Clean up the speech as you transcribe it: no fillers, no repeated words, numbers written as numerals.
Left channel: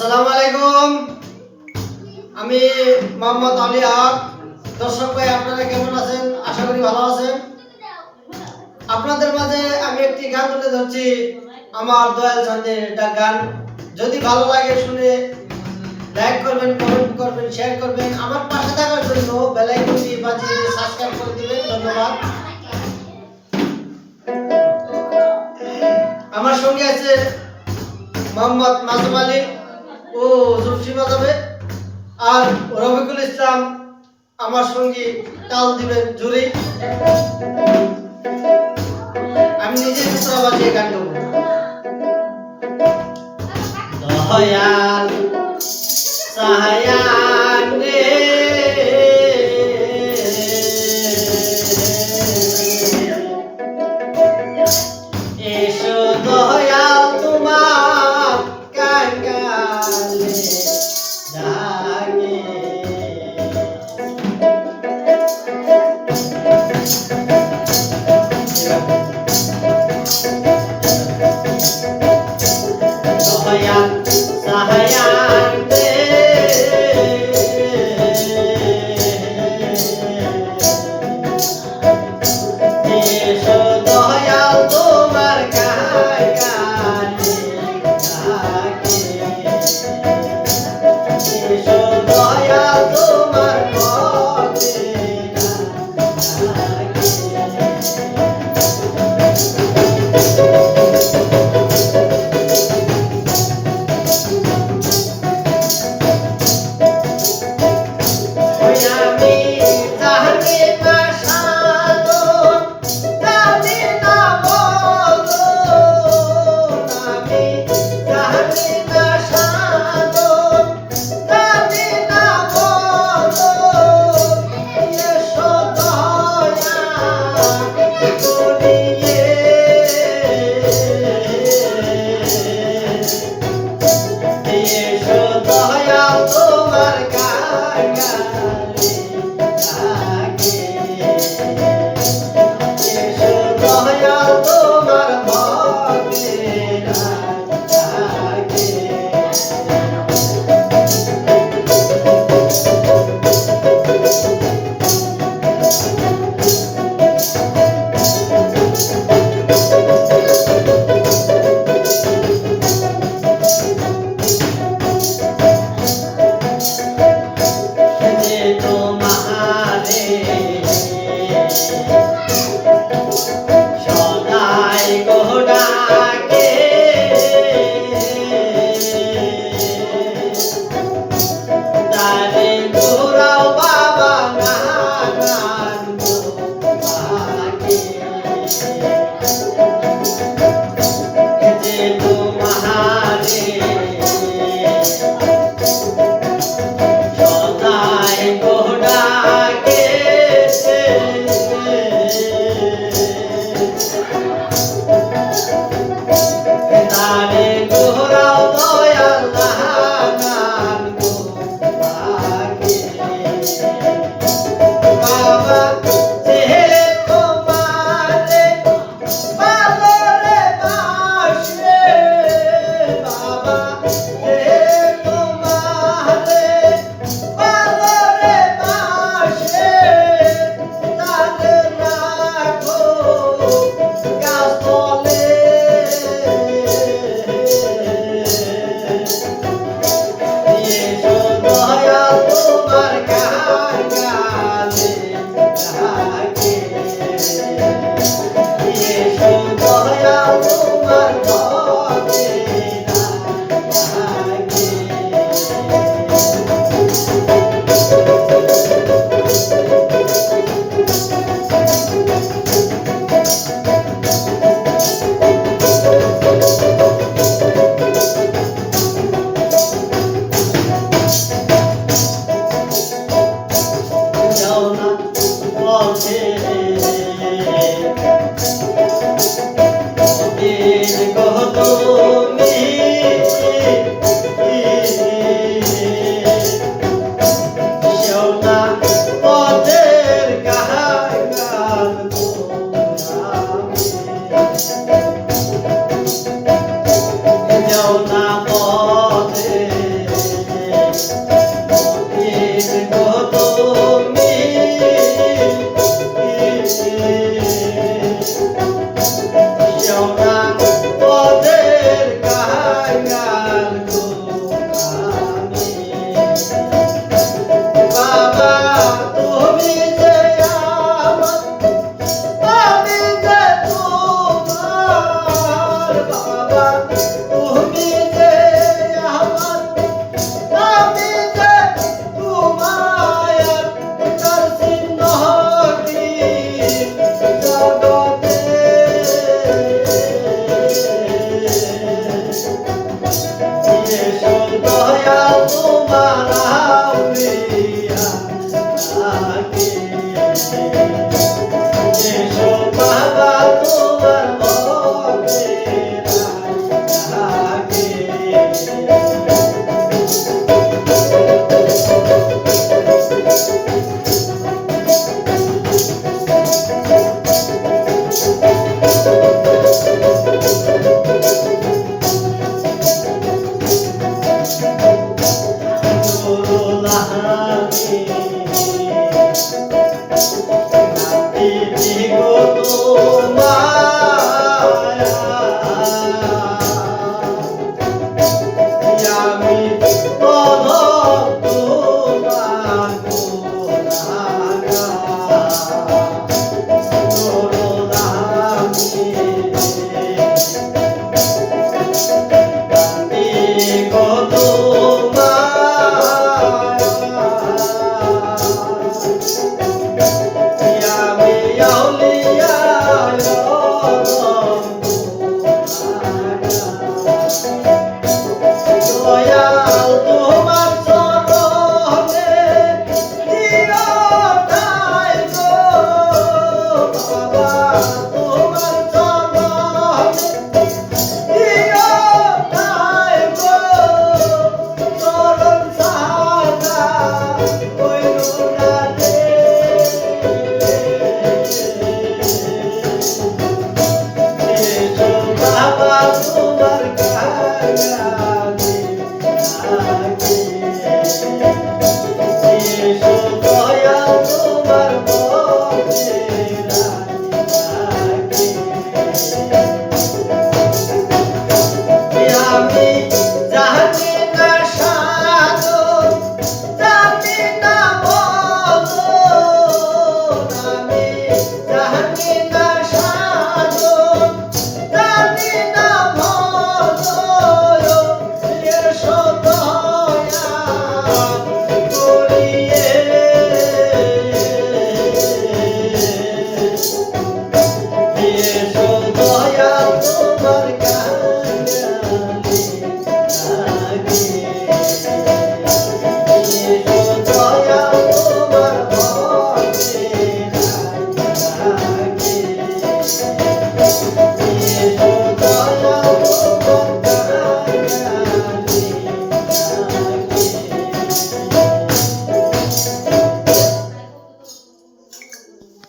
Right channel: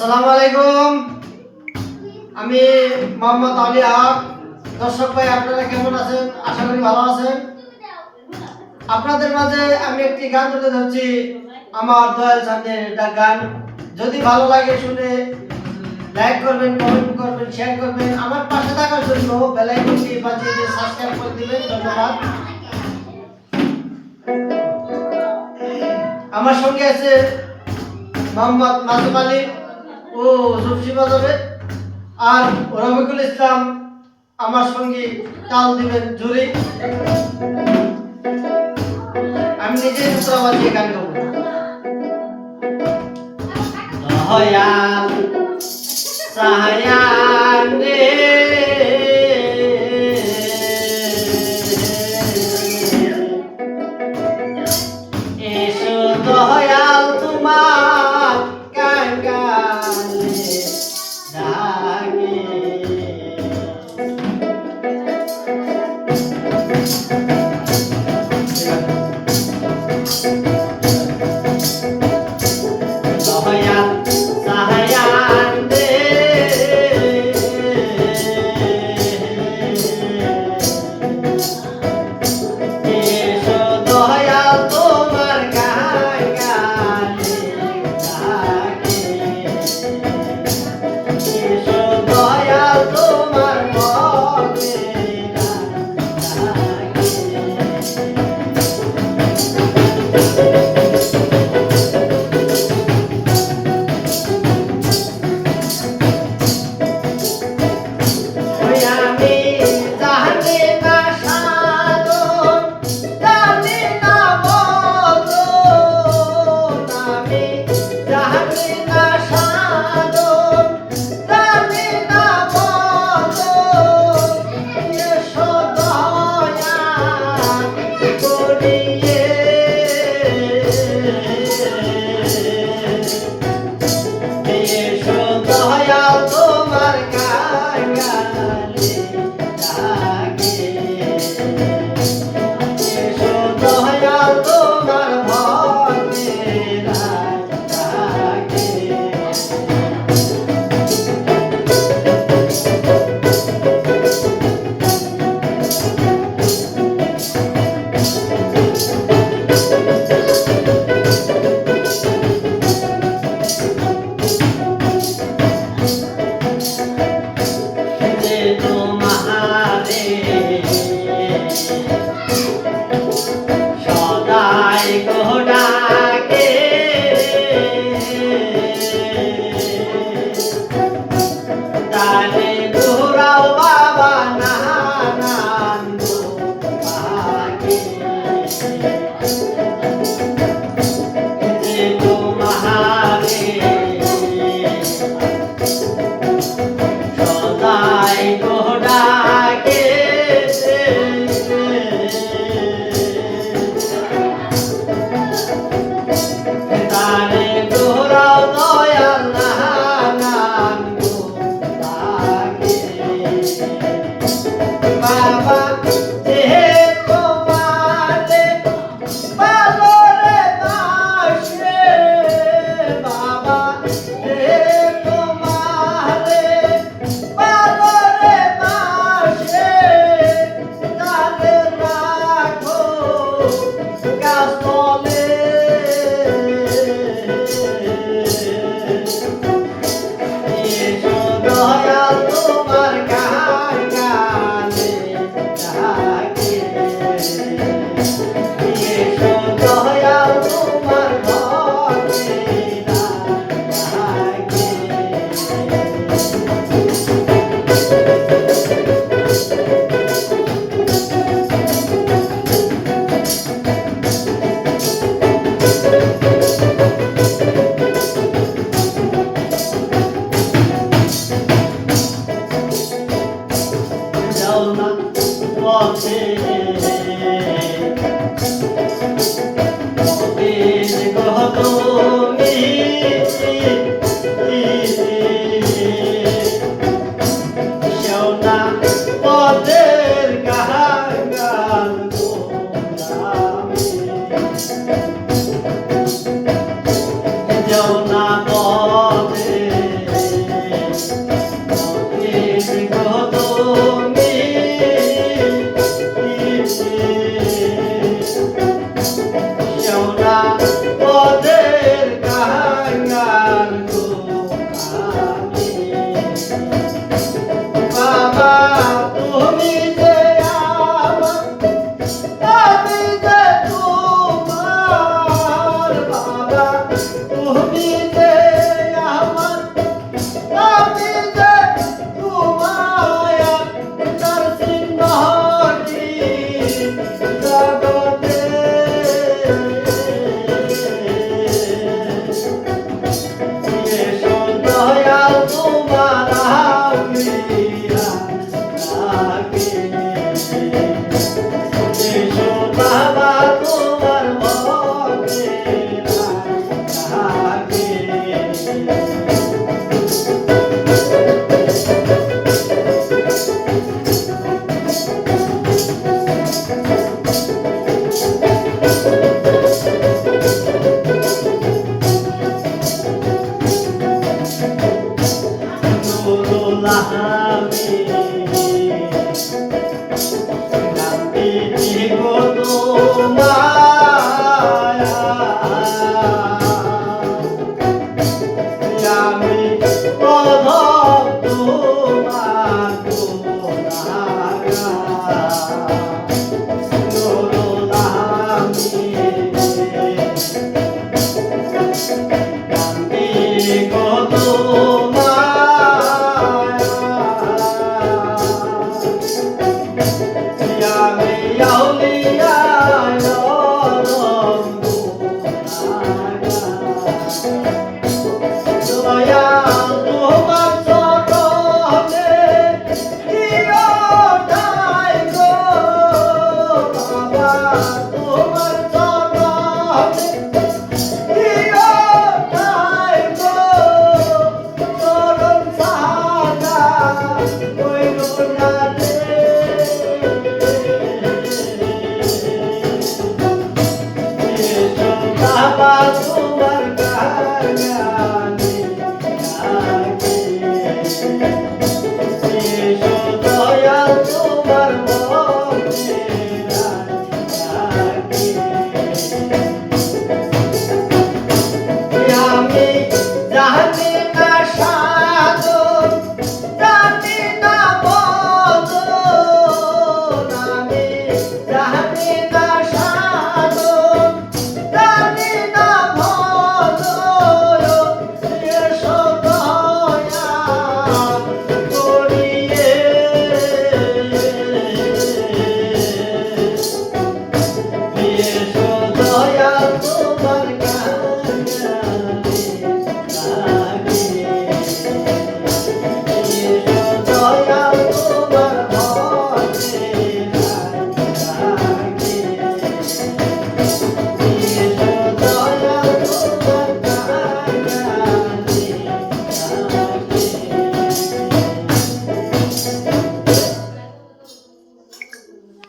আসসালামু আলাইকুম। আমি মোহাম্মদ আলী হক। দর্শক ভাই, আপনারা কেমন আছেন? আশা করি ভালো আছেন। আপনাদের মাঝে আমি একটি গান তুলে ধরছি, আমার দয়াল চাঁদের একটা গান। যদি ভালো লাগে শুনে লাইক করবেন, কমেন্ট করবেন, শেয়ার করবেন। আমার পাশে থাকার জন্য বেল আইকনটি বাজিয়ে দিয়ে সাবস্ক্রাইব করে দিবেন। ধন্যবাদ। আমার সঙ্গে আছে মোহাম্মদ মাসুম আলী ও জুফি বাজাবে, আর রফিকুল ইসলাম আমার সঙ্গী তাল দিবেন জুরি। আমি নিজেই টুকরা বাজিয়ে গান গাবো। দয়াল সাহায়ান রে, এসো দয়াল তোমার কাঙ্গালে ডাকে। দয়াল সাহায়ান রে, এসো দয়াল তোমার কাঙ্গালে ডাকে। এসো দয়াল তোমার ভক্তেরা ডাকে। আমি জানি না সাধন, জানি না বলন। আমি জানি না সাধন, জানি না বলন। এসো দয়া করিয়ে, এসো দয়াল তোমার কাঙ্গালে ডাকে। এসো দয়াল তোমার ভক্তেরা ডাকে। যে তোমারে সদাই গো ডাকে, তারে ঘোরাও বাবা নানান গো ডাকে। যে তোমারে সদাই গো ডাকে, তারে ঘোরাও দয়াল নানান গো ডাকে। বাবা যে তোমারে ভালো রে বাসে, বাবা যে তোমারে ভালো রে বাসে, তারে রাখো গাছতলে। তোমার চরণে দিও ঠাই গো বাবা তোমার চরণে দিও ঠাই গো চরণ সাদা কইরো না রে বাবা তোমার কাছে এসো দয়া তোমার মনে রাখি আমি জানি না সাধন জানি না বদন আমি জানি না সাধন জানি না বদন এসো দয়া করিয়ে এসো